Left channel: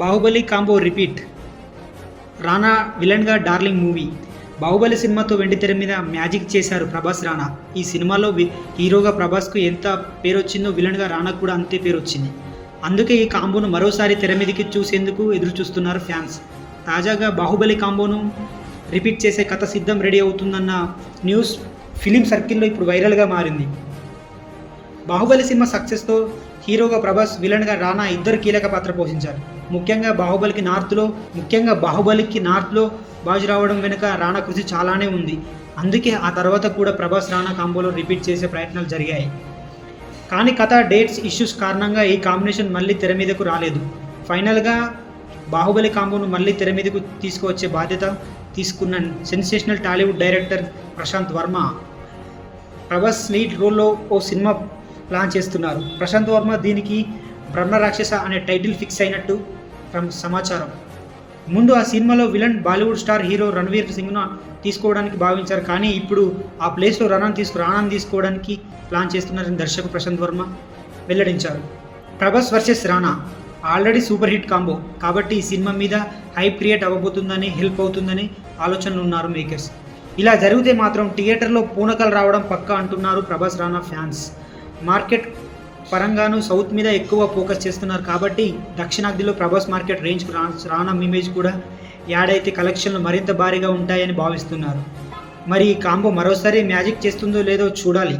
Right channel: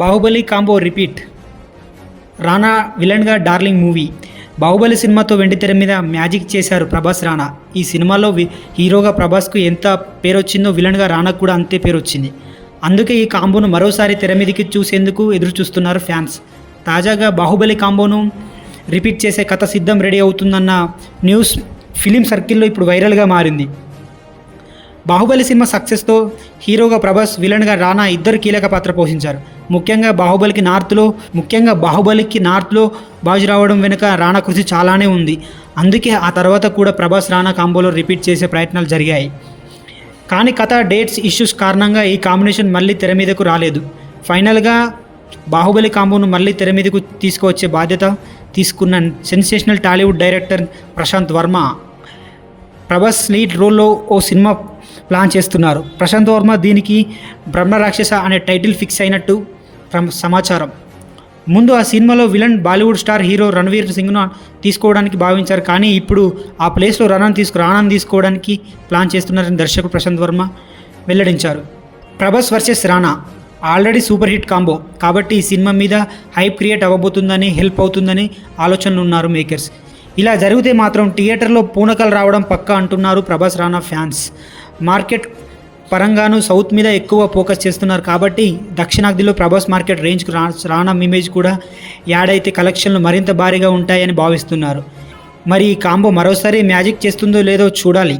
Baahubali combo repeat. రానా విలన్గా darling movie. Baahubali సినిమాతో వెండితెర మీద మ్యాజిక్ చేశారు ప్రభాస్, రానా. ఈ సినిమాలో హీరోగా ప్రభాస్కు ఎంత పేరొచ్చిందో విలన్గా రానాకు కూడా అంతే పేరొచ్చింది. అందుకే ఈ కాంబోను మరోసారి తెర మీదకి చూసేందుకు ఎదురు చూస్తున్నారు ఫ్యాన్స్. తాజాగా బాహుబలి కాంబోను రిపీట్ చేసే కథ సిద్ధం రెడీ అవుతుందన్న న్యూస్ ఫిలిం సర్కిల్లో ఇప్పుడు వైరల్గా మారింది. బాహుబలి సినిమా సక్సెస్తో హీరోగా ప్రభాస్, విలన్గా రానా ఇద్దరు కీలక పాత్ర పోషించారు. ముఖ్యంగా బాహుబలికి నార్త్లో బాజు రావడం వెనుక రానా కృషి చాలానే ఉంది. అందుకే ఆ తర్వాత కూడా ప్రభాస్ రానా కాంబోలో రిపీట్ చేసే ప్రయత్నాలు జరిగాయి. కానీ కథ, డేట్స్ ఇష్యూస్ కారణంగా ఈ కాంబినేషన్ మళ్ళీ తెర మీదకు రాలేదు. ఫైనల్గా బాహుబలి కాంబోను మళ్ళీ తెర మీదకు తీసుకువచ్చే బాధ్యత తీసుకున్న sensational Tollywood director Prashanth Varma Prabhas lead రోల్లో ఓ సినిమా ప్లాన్ చేస్తున్నారు. ప్రశాంత్ వర్మ దీనికి బ్రహ్మరాక్షస అనే టైటిల్ ఫిక్స్ అయినట్టు సమాచారం. ముందు ఆ సినిమాలో villain Bollywood star hero Ranveer సింగ్ను తీసుకోవడానికి భావించారు. కానీ ఇప్పుడు ఆ ప్లేస్లో రానాను తీసుకోవడానికి ప్లాన్ చేస్తున్నారని దర్శకుడు ప్రశాంత్ వర్మ వెల్లడించారు. ప్రభాస్ వర్సెస్ రానా ఆల్రెడీ సూపర్ హిట్ కాంబో కాబట్టి ఈ సినిమా మీద హైప్ క్రియేట్ అవ్వబోతుందని, హెల్ప్ అవుతుందని ఆలోచనలు ఉన్నారు మేకర్స్. ఇలా జరిగితే మాత్రం థియేటర్లో పూనకలు రావడం పక్కా అంటున్నారు ప్రభాస్, రానా ఫ్యాన్స్. మార్కెట్ పరంగాను సౌత్ మీద ఎక్కువ ఫోకస్ చేస్తున్నారు కాబట్టి దక్షిణాదిలో ప్రభాస్ మార్కెట్ రేంజ్కి రానా ఇమేజ్ కూడా యాడ్ అయితే కలెక్షన్లు మరింత భారీగా ఉంటాయని భావిస్తున్నారు. మరి ఈ కాంబో మరోసారి మ్యాజిక్ చేస్తుందో లేదో చూడాలి.